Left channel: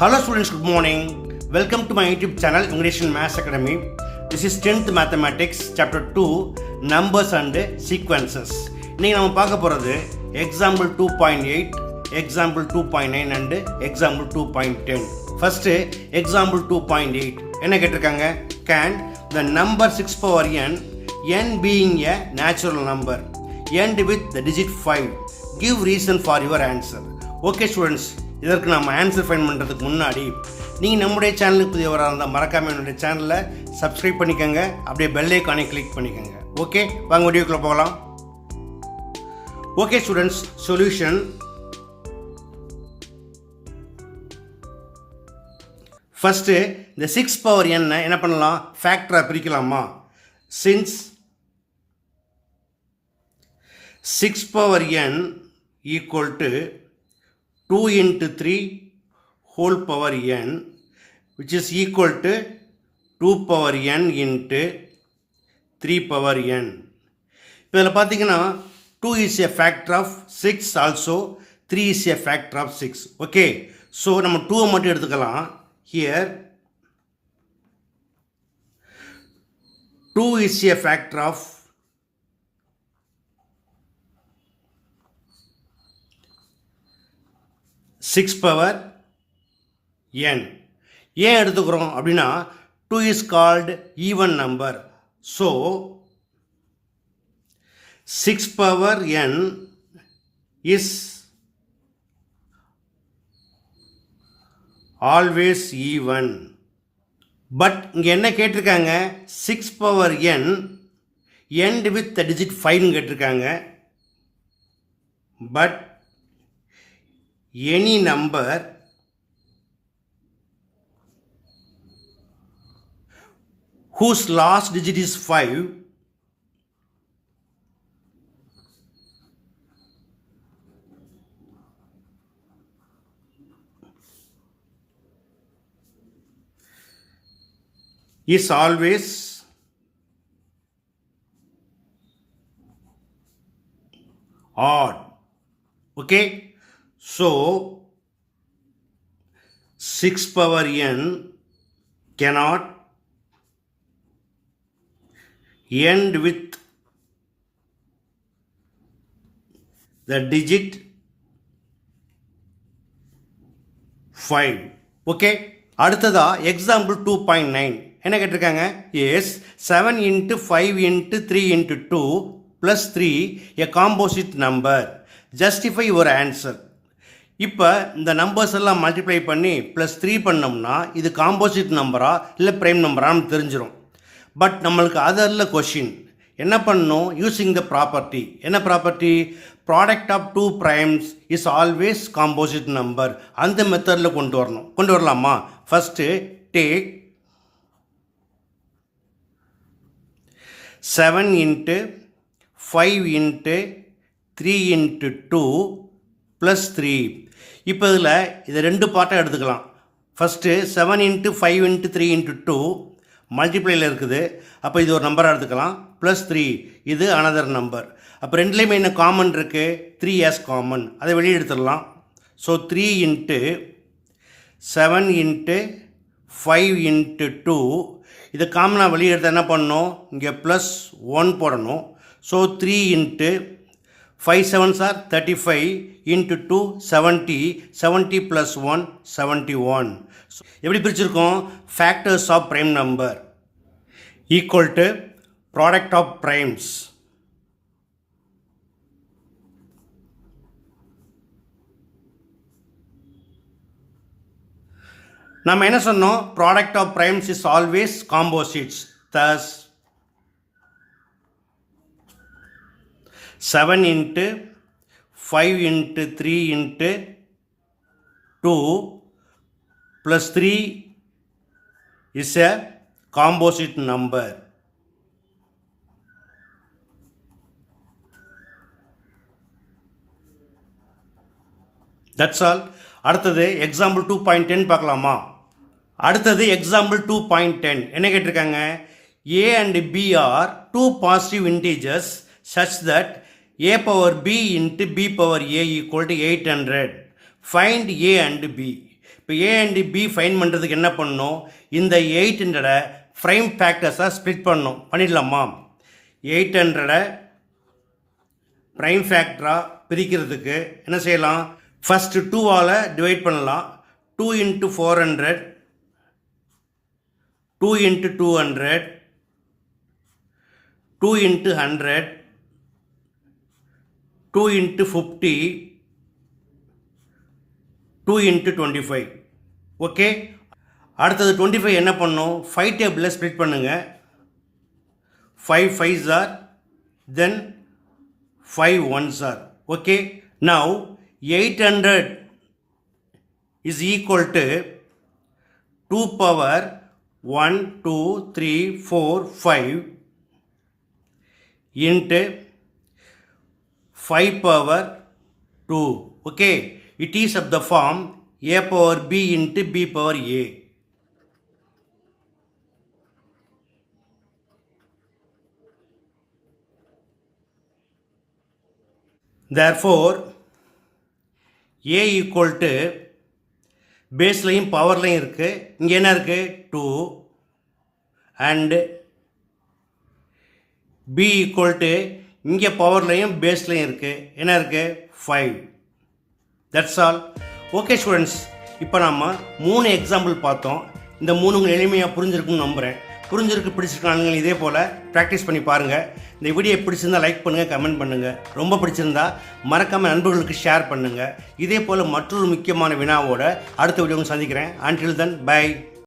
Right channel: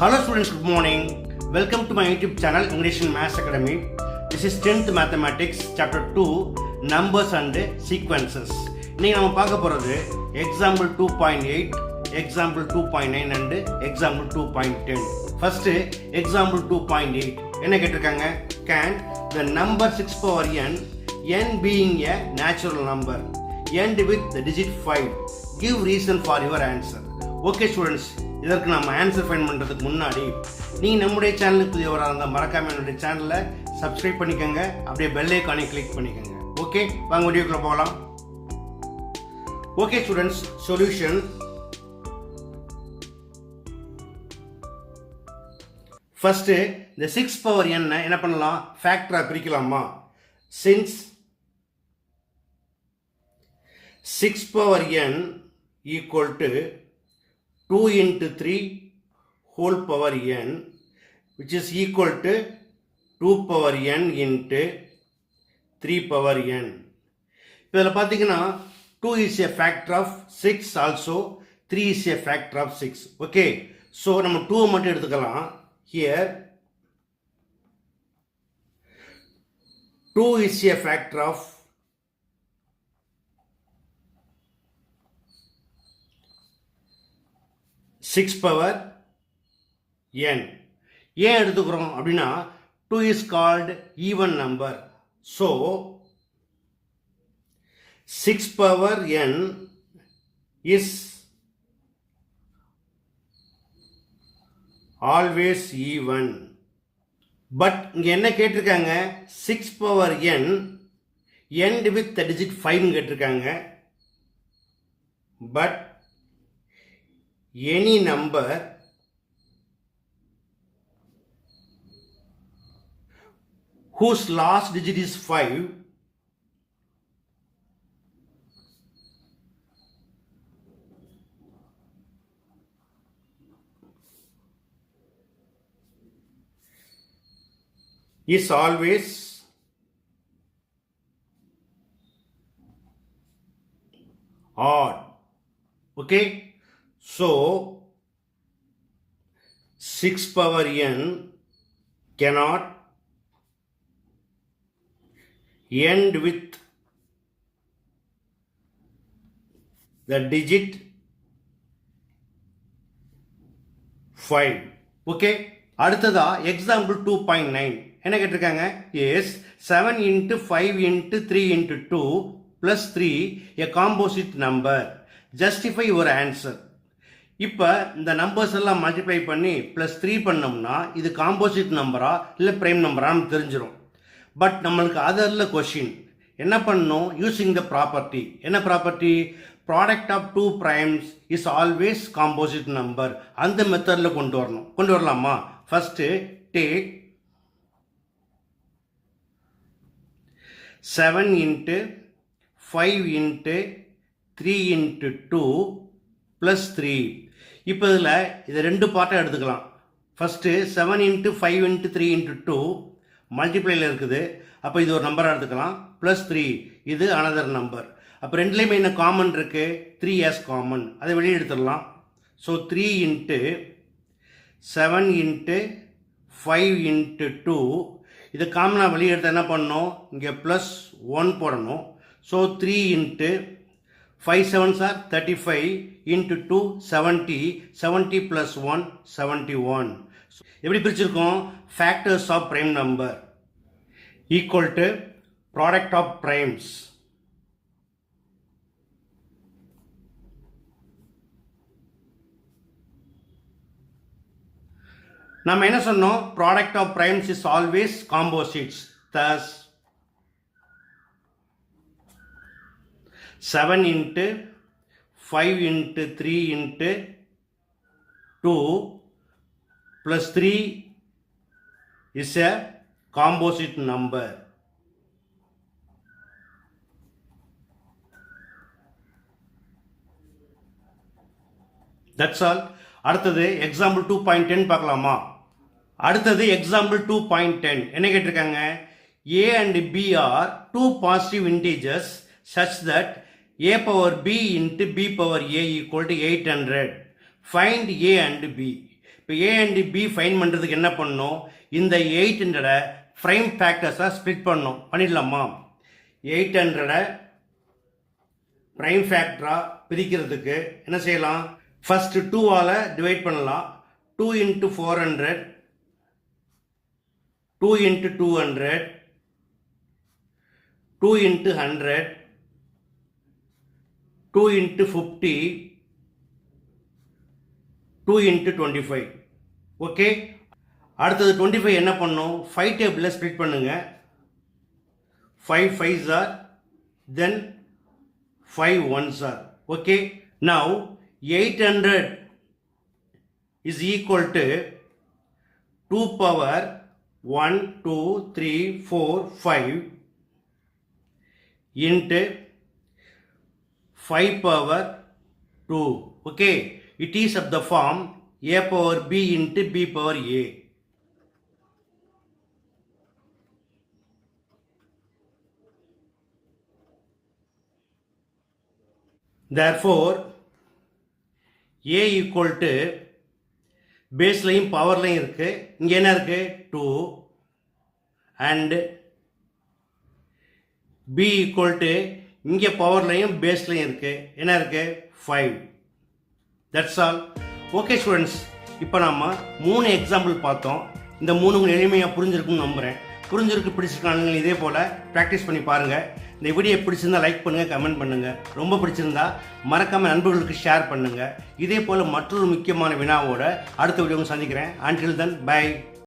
Hello students, good morning. Welcome to my YouTube channel English and Maths Academy. This is 10th Mathematics Chapter 2 Numbers and Sequences. இன்னைக்கு நாம பார்க்க போறது Example 2.8, Example 2.9 and Example 2.10. First Example 2.8 என்ன கேட்டிருக்காங்க? Can the number 6 power n being a natural number end with the digit 5, give reason for your answer. Okay students, இதற்கு நம்ம answer find பண்ணுறதுக்கு முன்னாடி நீங்கள் நம்முடைய சேனலுக்கு புதியவராக இருந்தால் மறக்காமல் என்னுடைய சேனலை சப்ஸ்கிரைப் பண்ணிக்கோங்க, அப்படியே பெல் ஐக்கானை கிளிக் பண்ணிக்கோங்க. ஓகே, வாங்க வீடியோக்குள்ளே போகலாம். Okay students, solution. ஃபஸ்ட்டு இந்த 6 பவர் என்ன பண்ணலாம்? ஃபேக்டராக பிரிக்கலாமா? Since 6 power n equal to 2 into 3 whole power n, which is equal to 2 power n into 3 power n. இப்போ இதில் பார்த்தீங்கன்னா 2 is a factor of 6, also 3 is a factor of 6. Okay, so நம்ம 2 மட்டும் எடுத்துக்கலாம். Here 2 is a factor of 6 power n. ஏன் எடுத்துக்கிறோம் அப்படின்னா 2 is called even number. So 6 power n is always even. But இங்கே என்ன கேட்டிருக்காங்க? 6 power n end with the digit 5 கேட்டிருக்காங்க. But any number whose last digit is 5 is always odd. Okay, so 6 power n cannot end with the digit 5. Okay, அடுத்ததா example 2.9 என்ன கேட்டிருக்காங்க? is 7 into 5 into 3 into 2 plus 3 a composite number, justify your answer. இப்போ இந்த நம்பர்ஸ் எல்லாம் மல்டிப்ளை பண்ணி ப்ளஸ் 3 பண்ணோம்னா இது காம்போசிட் நம்பரா இல்லை ப்ரைம் நம்பரான்னு தெரிஞ்சிடும். பட் நம்மளுக்கு அது அல்ல கொஷின். என்ன பண்ணணும்? Using the property. என்ன property? Product of 2 primes is always composite number. அந்த மெத்தடில் கொண்டு வரலாமா? ஃபஸ்ட்டு டேக் 7 into 5 into 3 into 2 plus 3. இப்போ இதில் இதை ரெண்டு பார்ட்டாக எடுத்துக்கலாம். ஃபஸ்ட்டு 7 into 5 into 3 into 2 மல்டிப்ளையில் இருக்குது. அப்போ இது ஒரு நம்பராக எடுத்துக்கலாம். ப்ளஸ் 3 இது அனதர் நம்பர். அப்போ ரெண்டுலேயுமே என்ன காமன் இருக்குது? 3 as காமன். அதை வெளியே எடுத்துடலாம். ஸோ 3 into 7 into 5 into 2 இதை காமனாக வெளியே எடுத்து என்ன பண்ணணும்? இங்கே ப்ளஸ் 1 போடணும். ஸோ 3 into 5 7s are 35 into 2 70, 70 plus 1 71. எப்படி பிரிச்சிருக்கோம்? Factors of prime number equal to product of primes. நம்ம என்ன சொன்னோம்? Product of primes is always composites. Thus 7 into 5 into 3 into 2 plus 3 is a composite number. That's all. அடுத்தது எக்ஸாம்பிள் 2.10 பார்க்கலாமா? அடுத்தது எக்ஸாம்பிள் 2.10 என்ன கேட்டிருக்காங்க? A and B are two positive integers such that a power b into b power a equal to 800. Find a and b. இப்போ A and B fine பண்ணுறதுக்கு என்ன பண்ணணும், இந்த 800 ப்ரைம் ஃபேக்டர்ஸாக ஸ்ப்ளிட் பண்ணணும். பண்ணிடலாமா? 800 ப்ரைம் ஃபேக்டராக பிரிக்கிறதுக்கு என்ன செய்யலாம், ஃபஸ்ட்டு 2ஆல் டிவைட் பண்ணலாம். 2 × 400, 2 × 200, 2 × 100, 2 × 50, 2 × 25. ஓகே, அடுத்தது 25 என்ன பண்ணும், 5 டேபிளில் ஸ்ப்ளிட் பண்ணுங்க. 5 5s are, then 5 1s are. Okay, now 800 is equal to 2 power 1 2 3 4 5 into 5 power 2. Okay, it is of the form a power b into b power a. Therefore a equal to பேஸ்லையும் பவர்லையும் இருக்குது, இங்கே என்ன இருக்குது 2, and b equal to இங்கே பவர்லையும் பேஸ்லையும் இருக்குது, என்ன இருக்குது 5. That's all. ஓகே ஸ்டூடெண்ட்ஸ், இப்போ நம்ம 3 எக்ஸாம்பிள் பார்த்தோம். இந்த 3 உங்களுக்கு எளிமையாக புரிஞ்சிருக்குன்னு நம்புகிறேன். பிடிச்சிருக்காங்க இதே போல் ப்ராக்டிஸ் பண்ணி பாருங்கள். இந்த வீடியோ பிடிச்சிருந்தால் லைக் பண்ணுங்கள், கமெண்ட் பண்ணுங்கள். ரொம்ப பிடிச்சிருந்தா மறக்காமல் நண்பர்களுக்கு ஷேர் பண்ணுங்கள். இதே போல் மற்றொரு முக்கியமான வினாவோட அடுத்த வீடியோ சந்திக்கிறேன். Until then, bye.